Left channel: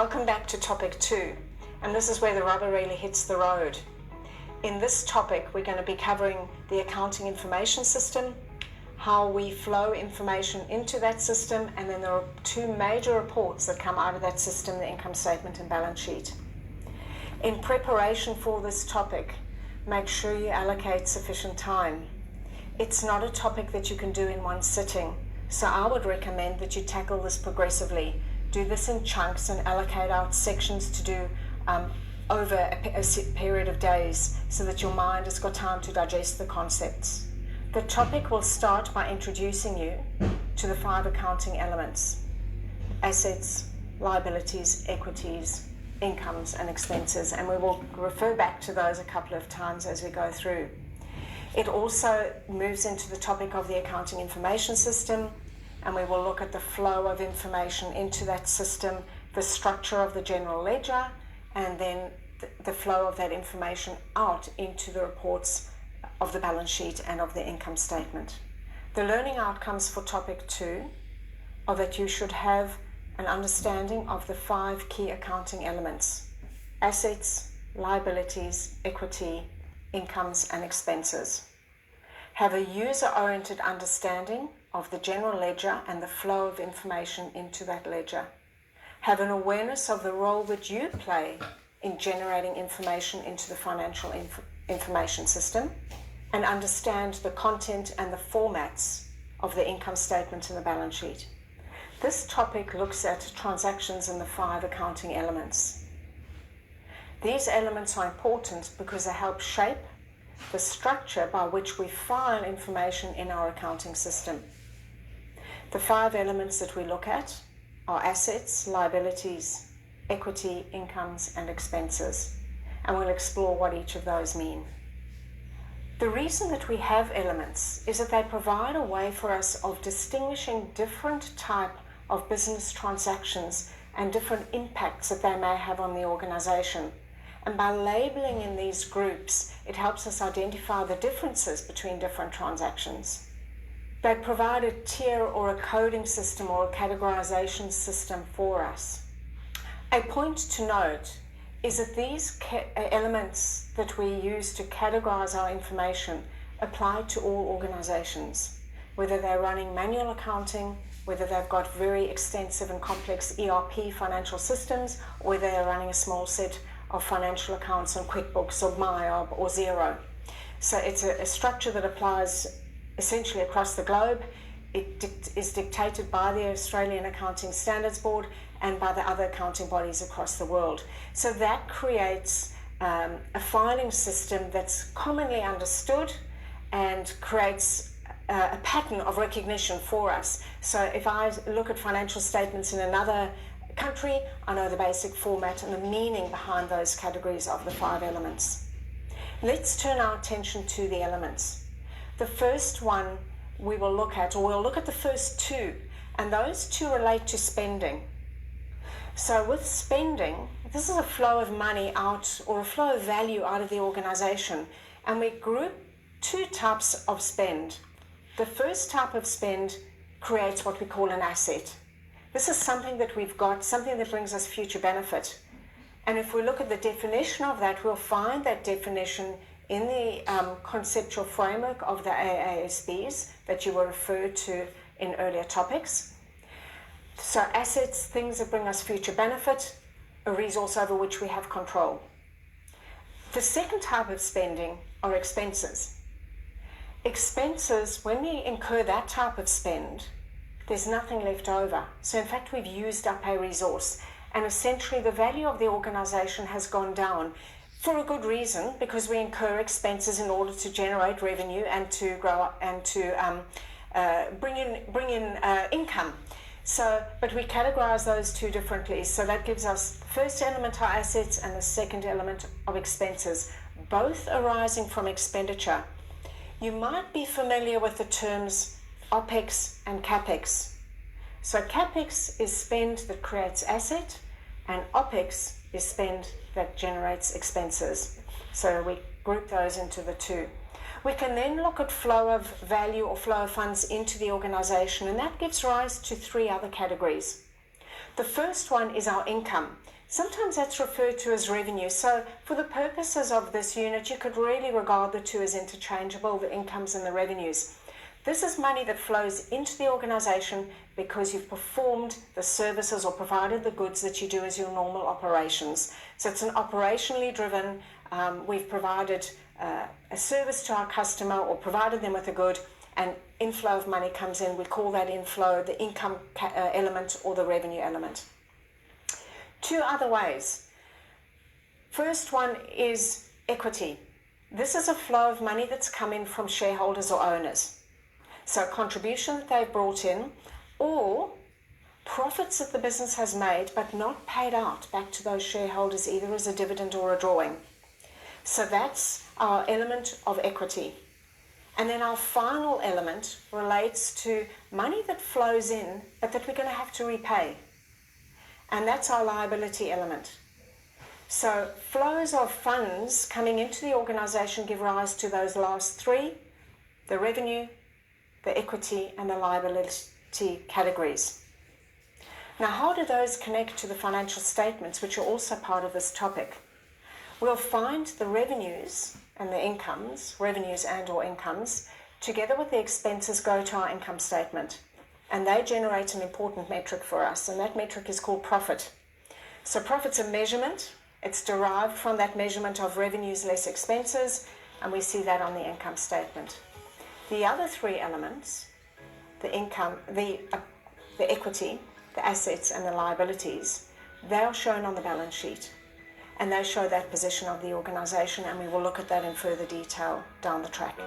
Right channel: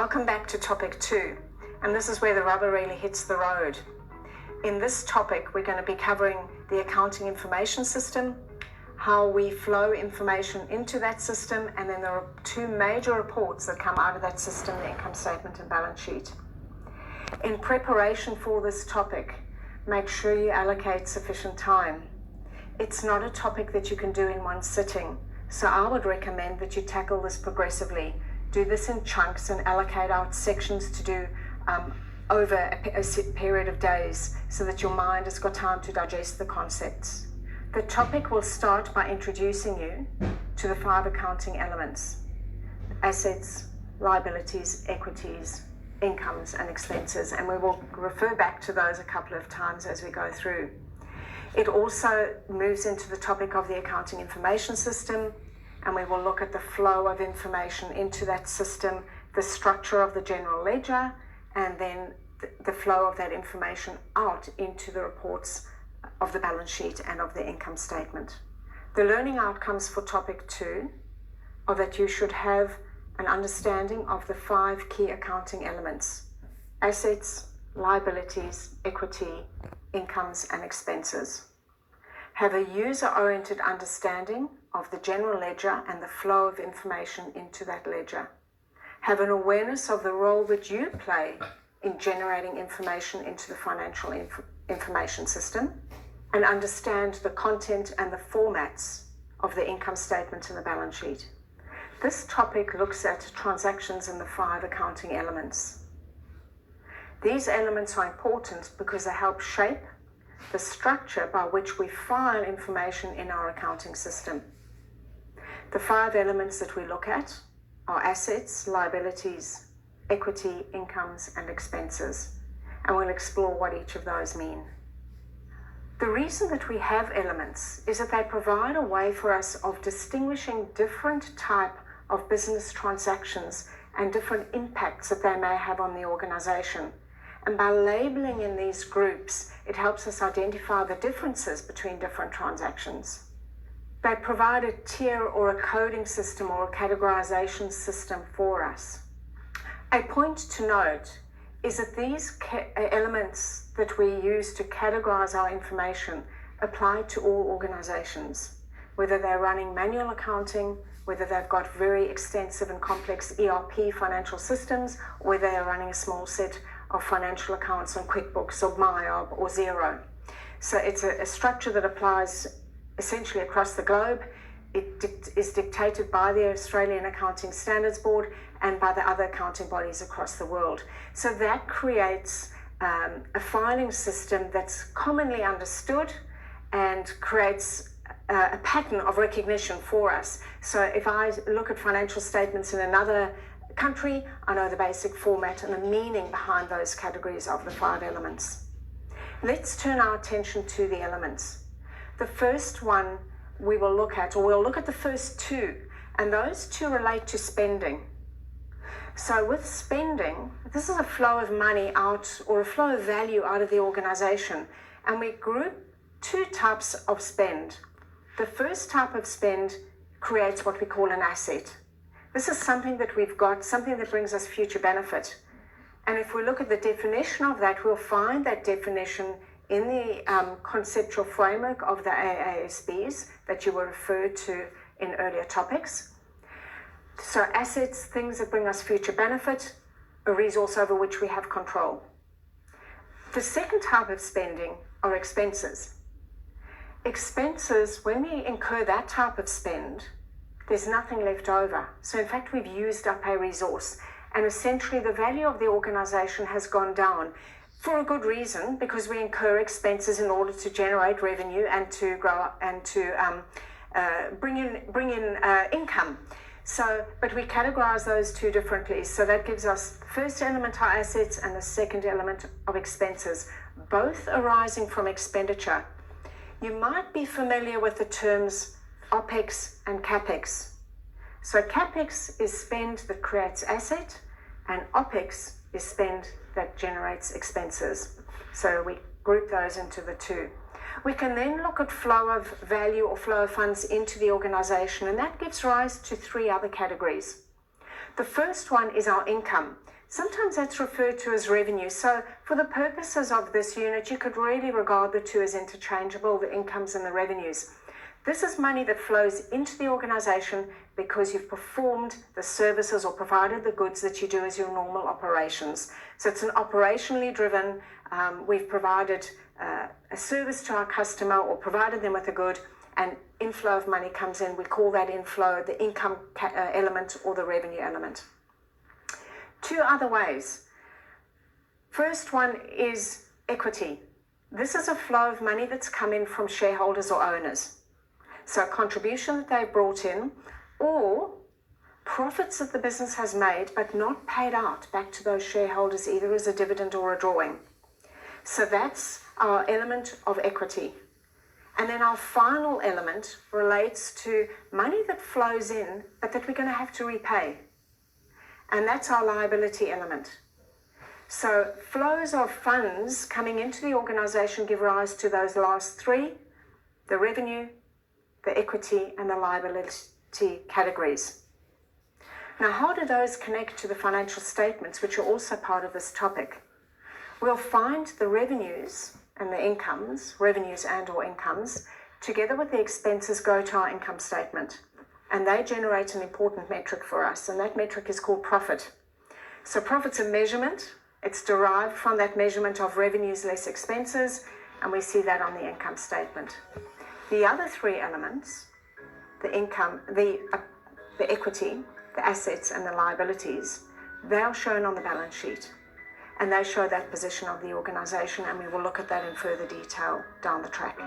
Welcome back to topic 2, and this is where the rubber really hits the road. In this topic, we're going to be covering the accounting information system, how we flow information into that system, and then there are two major reports that come out of that system, the income statement and balance sheet. In preparation for this topic, make sure you allocate sufficient time. It's not a topic that you can do in one sitting, so I would recommend that you tackle this progressively. Do this in chunks and allocate out sections to do over a period of days so that your mind has got time to digest the concepts. The topic will start by introducing you to the 5 accounting elements: assets, liabilities, equities, incomes and expenses, and we will refer back to those a couple of times as we go through. It also moves into the topic of the accounting information system, and we will look at the flow of information into that system, the structure of the general ledger, and then the flow of that information out into the reports of the balance sheet and of the income statement. The learning outcomes for topic 2 are that you should have an understanding of the 5 key accounting elements: assets, liabilities, equity, incomes and expenses. Have a user-oriented understanding of the general ledger and the flow of information into that ledger. Have an awareness of the role that you play in generating information into the financial information system, and understand the content and the formats of the income statement and the balance sheet. This topic looks at transactions in the 5 accounting elements. These elements are important because they help shape the structure by which we file information in our accounting system. The 5 elements that we look at are assets, liabilities, equity, incomes and expenses, and we'll explore what each of those mean. The reason that we have elements is that they provide a way for us of distinguishing different type of business transactions and different impacts that they may have on the organization. And by labeling in these groups, it helps us identify the differences between different transactions. They provide a tier or a coding system or a categorization system for us. A point to note is that these elements that we use to categorize our information apply to all organizations, whether they're running manual accounting, whether they've got very extensive and complex ERP financial systems, or whether they're running a small set of financial accounts on QuickBooks or MyOb or Xero. So it's a structure that applies essentially across the globe. It is dictated by the Australian Accounting Standards Board and by the other accounting bodies across the world. So that creates a filing system that's commonly understood and creates a pattern of recognition for us. So if I look at financial statements in another country, I know the basic format and the meaning behind those categories of the 5 elements. Let's turn our attention to the elements. The first one we will look at, or we'll look at the first 2, and those 2 relate to spending. So with spending, this is a flow of money out, or a flow of value out of the organization, and we group 2 types of spend. The first type of spend creates what we call an asset. This is something that we've got, something that brings us future benefit. And if we look at the definition of that, we'll find that definition in the conceptual framework of the AASBs that you were referred to in earlier topics. So assets, things that bring us future benefit, a resource over which we have control. The second type of spending are expenses. Expenses, when we incur that type of spend, there's nothing left over. So in fact, we've used up a resource, and essentially the value of the organization has gone down for a good reason, because we incur expenses in order to generate revenue and to grow and to bring in income. So, but we categorize those 2 differently. So that gives us the first element, our assets, and the second element of expenses, both arising from expenditure. You might be familiar with the terms OPEX and CAPEX. So CAPEX is spend that creates asset, and OPEX is spend that generates expenses. So we group those into the 2. We can then look at flow of value or flow of funds into the organization, and that gives rise to 3 other categories. The first one is our income, Sometimes that's referred to as revenue. So for the purposes of this unit, you could really regard the two as interchangeable, the incomes and the revenues. This is money that flows into the organization because you've performed the services or provided the goods that you do as your normal operations. So it's an operationally driven, we've provided a service to our customer or provided them with a good, and inflow of money comes in. We call that inflow the income element or the revenue element. Two other ways. First one is equity. This is a flow of money that's come in from shareholders or owners. So a contribution that they've brought in, or profits that the business has made but not paid out back to those shareholders either as a dividend or a drawing. So that's our element of equity. And then our final element relates to money that flows in but that we're going to have to repay. And that's our liability element. So flows of funds coming into the organization give rise to those last three: the revenue, the equity, and the liability categories. Now, how do those connect to the financial statements, which are also part of this topic? We'll find the revenues and the incomes, revenues and or incomes, together with the expenses go to our income statement. And they generate an important metric for us, and that metric is called profit. So profit's a measurement. It's derived from that measurement of revenues less expenses, and we see that on the income statement. The other three elements, the income, the equity, the assets, and the liabilities, they are shown on the balance sheet, and they show that position of the organization, and we will look at that in further detail down the track.